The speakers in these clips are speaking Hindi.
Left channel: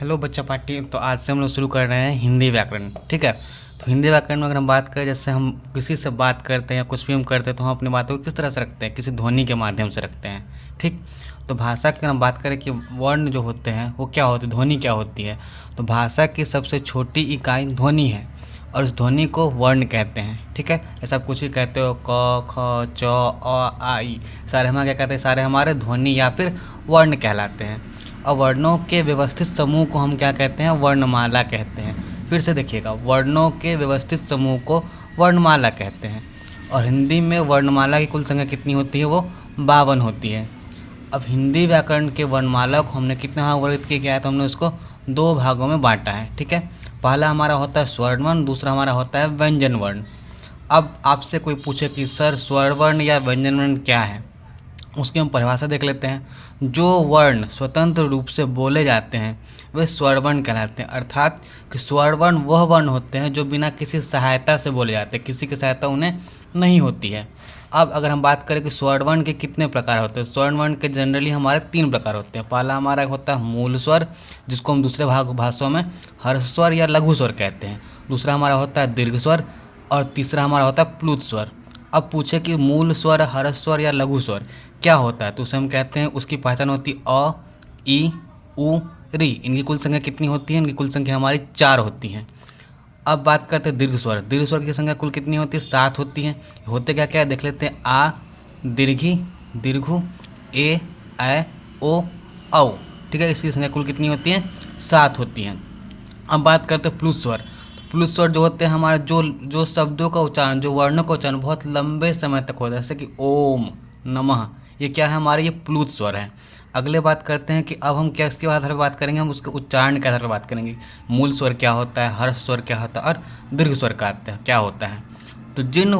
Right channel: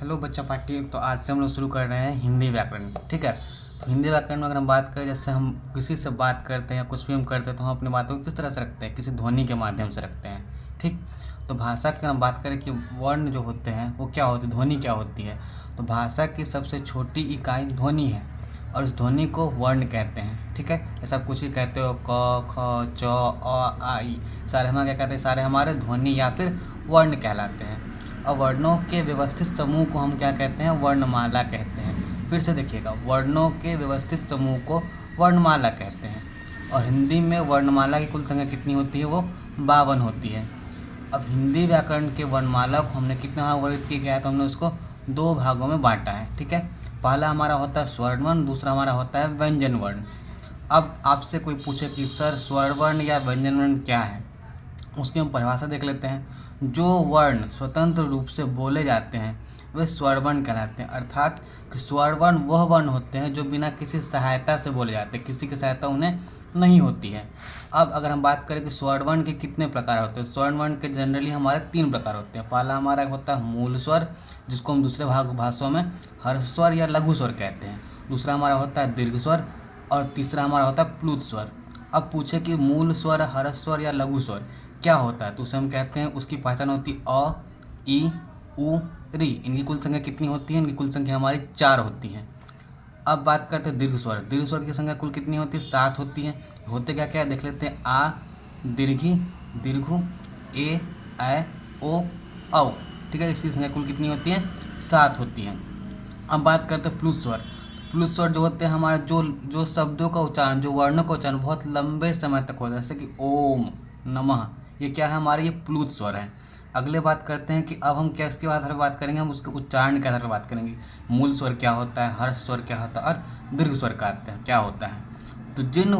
हेलो बच्चा पार्टी। तो आज से हम लोग शुरू कर रहे हैं हिंदी व्याकरण। ठीक है। तो हिंदी व्याकरण में अगर हम बात करें, जैसे हम किसी से बात करते हैं या कुछ भी हम करते हैं तो हम अपनी बातों को किस तरह से रखते हैं, किसी ध्वनि के माध्यम से रखते हैं। ठीक। तो भाषा की अगर हम बात करें कि वर्ण जो होते हैं वो क्या होते हैं, ध्वनि क्या होती है, तो भाषा की सबसे छोटी इकाई ध्वनि है और उस ध्वनि को वर्ण कहते हैं। ठीक है। ऐसा आप कुछ भी कहते हो, क ख च आ ई, सारे हमारे क्या कहते हैं, सारे हमारे ध्वनि या फिर वर्ण कहलाते हैं। और वर्णों के व्यवस्थित समूह को हम क्या कहते हैं, वर्णमाला कहते हैं। फिर से देखिएगा, वर्णों के व्यवस्थित समूह को वर्णमाला कहते हैं। और हिंदी में वर्णमाला की कुल संख्या कितनी होती है, वो 52 होती है। अब हिंदी व्याकरण के वर्णमाला को हमने कितने भाग वर्णित किया गया है, तो हमने उसको 2 भागों में बांटा है। ठीक है। पहला हमारा होता है स्वर्ण वर्ण, दूसरा हमारा होता है व्यंजन वर्ण। अब आपसे कोई पूछे कि सर स्वर्ण वर्ण या व्यंजन वर्ण क्या है, उसकी हम परिभाषा देख लेते हैं। जो वर्ण स्वतंत्र रूप से बोले जाते हैं वे स्वरवर्ण कहलाते हैं। अर्थात कि स्वरवर्ण वह वर्ण होते हैं जो बिना किसी सहायता से बोले जाते हैं, किसी की सहायता उन्हें नहीं होती है। अब अगर हम बात करें कि स्वरवर्ण के कितने प्रकार होते हैं, स्वरवर्ण के जनरली हमारे 3 प्रकार होते हैं। पहला हमारा होता है मूल स्वर, जिसको हम दूसरे भाषाओं में हर्ष स्वर या लघु स्वर कहते हैं। दूसरा हमारा होता है दीर्घ स्वर और तीसरा हमारा होता है प्लुत स्वर। अब पूछे कि मूल स्वर, हर्ष स्वर या लघु स्वर क्या होता है, तो उसे हम कहते हैं, उसकी पहचान होती है अ, ई, उ, री। इनकी कुल संख्या कितनी होती है, इनकी कुल संख्या हमारी 4 होती है। अब बात करते हैं दीर्घ स्वर। दीर्घ स्वर की संख्या कुल कितनी होती है, 7 होती है। होते क्या क्या है देख लेते हैं। आ, दीर्घी, दीर्घु, ए, ऐ, ओ, औ। ठीक है। इसकी संख्या कुल कितनी होती है, 7 होती है। अब बात करते हैं प्लुत स्वर। प्लुत स्वर जो होते हैं हमारे, जो जो शब्दों का उच्चारण, जो वर्णों का उच्चारण बहुत लंबे समय तक होता है, जैसे कि ओम, नमः, ये क्या है हमारे, ये प्लुत स्वर है। अगले बात करते हैं कि अब हम क्या इसके आधार पर बात करेंगे, हम उसके उच्चारण के आधार पर बात करेंगे। मूल स्वर क्या होता है, हर्ष स्वर क्या होता है और दीर्घ स्वर क्या होता है। तो जिन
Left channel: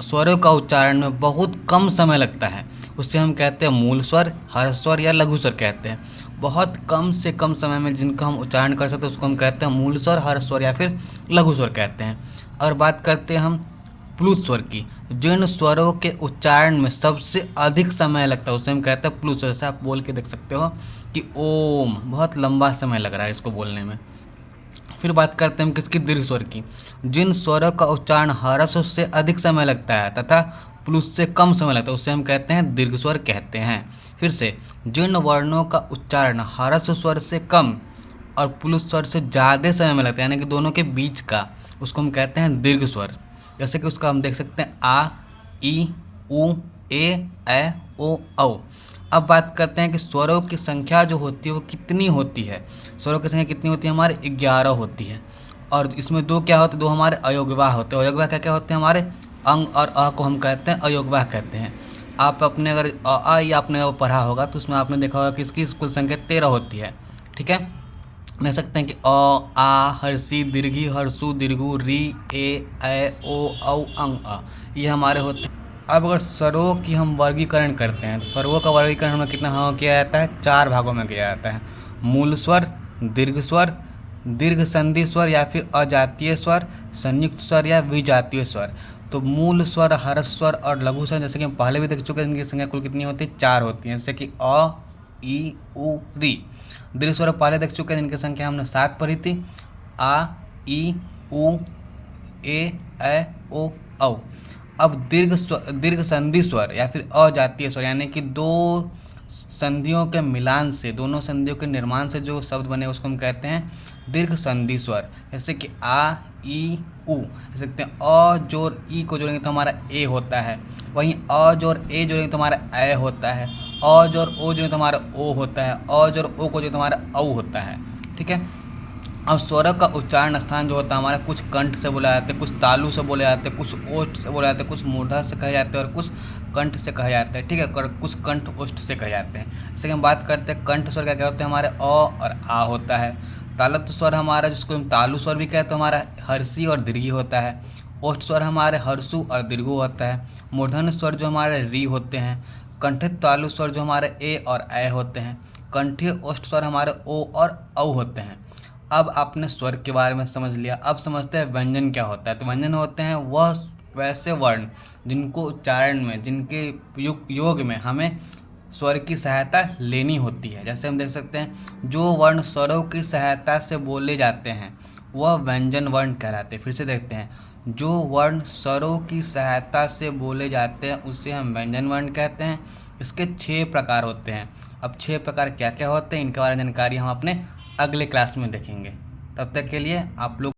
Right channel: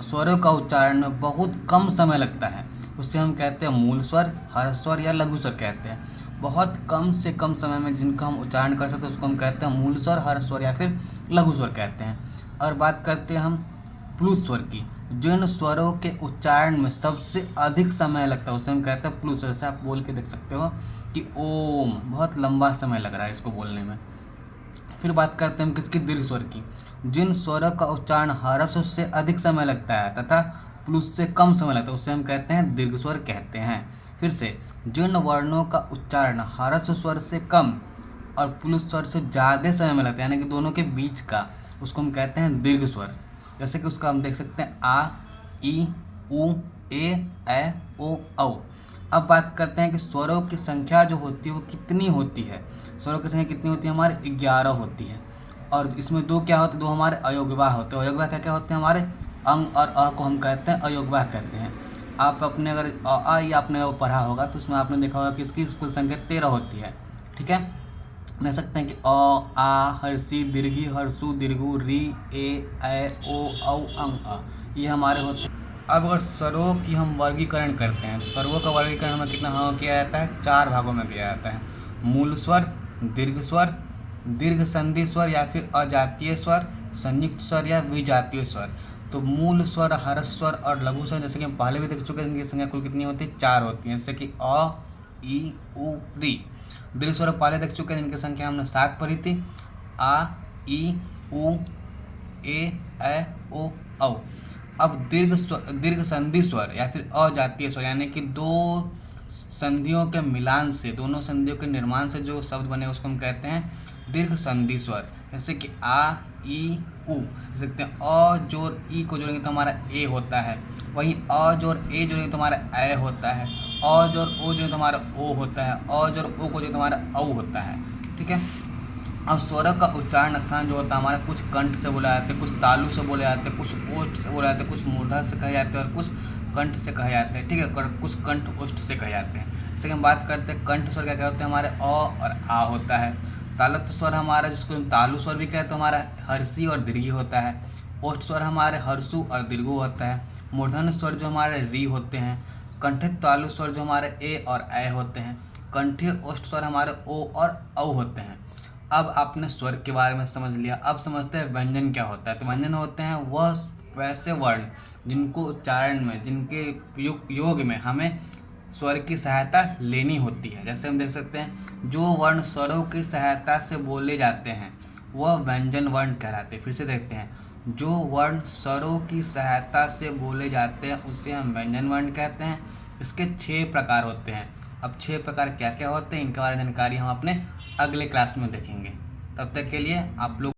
स्वरों का उच्चारण में बहुत कम समय लगता है उससे हम कहते हैं मूल स्वर, हर्ष स्वर या लघु स्वर कहते हैं। बहुत कम से कम समय में जिनका हम उच्चारण कर सकते हैं उसको हम कहते हैं मूल स्वर, हर्ष स्वर या फिर लघु स्वर कहते हैं। और बात करते हैं हम प्लुत स्वर की। जिन स्वरों के उच्चारण में सबसे अधिक समय लगता है उसे हम कहते हैं प्लुत स्वर। जैसे आप बोल के देख सकते हो कि ओम, बहुत लंबा समय लग रहा है इसको बोलने में। फिर बात करते हैं हम किसकी, दीर्घ स्वर की। जिन स्वरों का उच्चारण हर्ष से अधिक समय लगता है तथा प्लुत से कम समय लगता है उसे हम कहते हैं दीर्घ स्वर कहते हैं। फिर से, जिन वर्णों का उच्चारण हर्ष स्वर से कम और प्लुत स्वर से ज़्यादा समय में लगता है, यानी कि दोनों के बीच का, उसको हम कहते हैं दीर्घ स्वर। जैसे कि उसका हम देख सकते हैं आ, ई, उ, ए, ऐ, ओ, औ। अब बात करते हैं कि स्वरों की संख्या जो होती है वो कितनी होती है। स्वरों की संख्या कितनी होती है, हमारे 11 होती है। और इसमें 2 क्या होते हैं, 2 हमारे अयोगवाह होते हैं। अयोगवाह क्या क्या होते हैं, हमारे अंग और अ को हम कहते हैं अयोगवाह कहते हैं। आप अपने अगर अ या आपने वो पढ़ा होगा तो उसमें आपने देखा होगा कि इसकी कुल संख्या 13 होती है। ठीक है। देख सकते हैं कि अ, आ, हर्षी, दीर्घी, हर्षु, दीर्घु, री, ए, ऐ, ओ, औ, अंग, अ, ये हमारे होते हैं। अब अगर स्वरों की हम वर्गीकरण करते हैं तो स्वरों का वर्गीकरण हमें कितना किया जाता है, 4 भागों में किया जाता है। मूल स्वर, दीर्घ स्वर, दीर्घ संधि स्वर या फिर अजातीय स्वर, संयुक्त स्वर या विजातीय स्वर। तो मूल स्वर, हर्ष स्वर और लघु स्वर जैसे कि हम पहले भी देख चुके हैं, इनकी संख्या कुल कितनी होती है, 4 होती है। जैसे कि अ, ई, उ, री। दीर्घ स्वर पहले देख चुके हैं जिनकी संख्या हमने 7 पढ़ी थी। आ, ई, उ, ए, ऐ, ओ, औ। अब दीर्घ संधि स्वर या फिर अजातीय स्वर, यानी कि 2 संधियों के मिलान से, दोनों संधियों के निर्माण से जो शब्द बने उसको हम कहते हैं दीर्घ संधि स्वर। जैसे कि आ, ई, उ। देख सकते हैं अ जोड़ ई को जोड़ेंगे तो हमारा ए होता है, वहीं अ जोड़ ए जोड़ेंगे तो हमारा ऐ होता है, अ जोड़ ओ जोड़ेंगे तो हमारा ओ होता है, अ जोड़ ओ को जोड़ेंगे तो हमारा औ होता है। ठीक है। अब स्वरों का उच्चारण स्थान जो होता है हमारा, कुछ कंठ से बोला जाते हैं, कुछ तालु से बोले जाते हैं, कुछ ओष्ठ से बोले जाते हैं, कुछ मूर्धा से कहे जाते हैं और कुछ कंठ से कहे जाते हैं। ठीक है। और कुछ कंठ ओष्ठ से कहे जाते हैं। जैसे कि हम बात करते हैं कंठ स्वर क्या होते हैं हमारे, अ और आ होता है। तालत स्वर हमारा, जिसको हम तालु स्वर भी कहते हैं, हमारा हर्षी और दीर्घी होता है। ओष्ठ स्वर हमारे हर्षु और दीर्घु होता है। मूर्धन्य स्वर जो हमारे री होते हैं। कंठित तालु स्वर जो हमारे ए और ऐ होते हैं। कंठीय ओष्ठ स्वर हमारे ओ और औ होते हैं। अब आपने स्वर के बारे में समझ लिया, अब समझते हैं व्यंजन क्या होता है। तो व्यंजन होते हैं वह वैसे वर्ण जिनको उच्चारण में, जिनके योग में हमें स्वर की सहायता लेनी होती है। जैसे हम देख सकते हैं, जो वर्ण स्वरों की सहायता से बोले जाते हैं वह व्यंजन वर्ण कहलाते हैं। फिर से देखते हैं, जो वर्ण स्वरों की सहायता से बोले जाते हैं उसे हम व्यंजन वर्ण कहते हैं। इसके 6 प्रकार होते हैं। अब 6 प्रकार क्या क्या होते हैं, इनके बारे में जानकारी हम अपने अगले क्लास में देखेंगे। तब तक के लिए आप लोग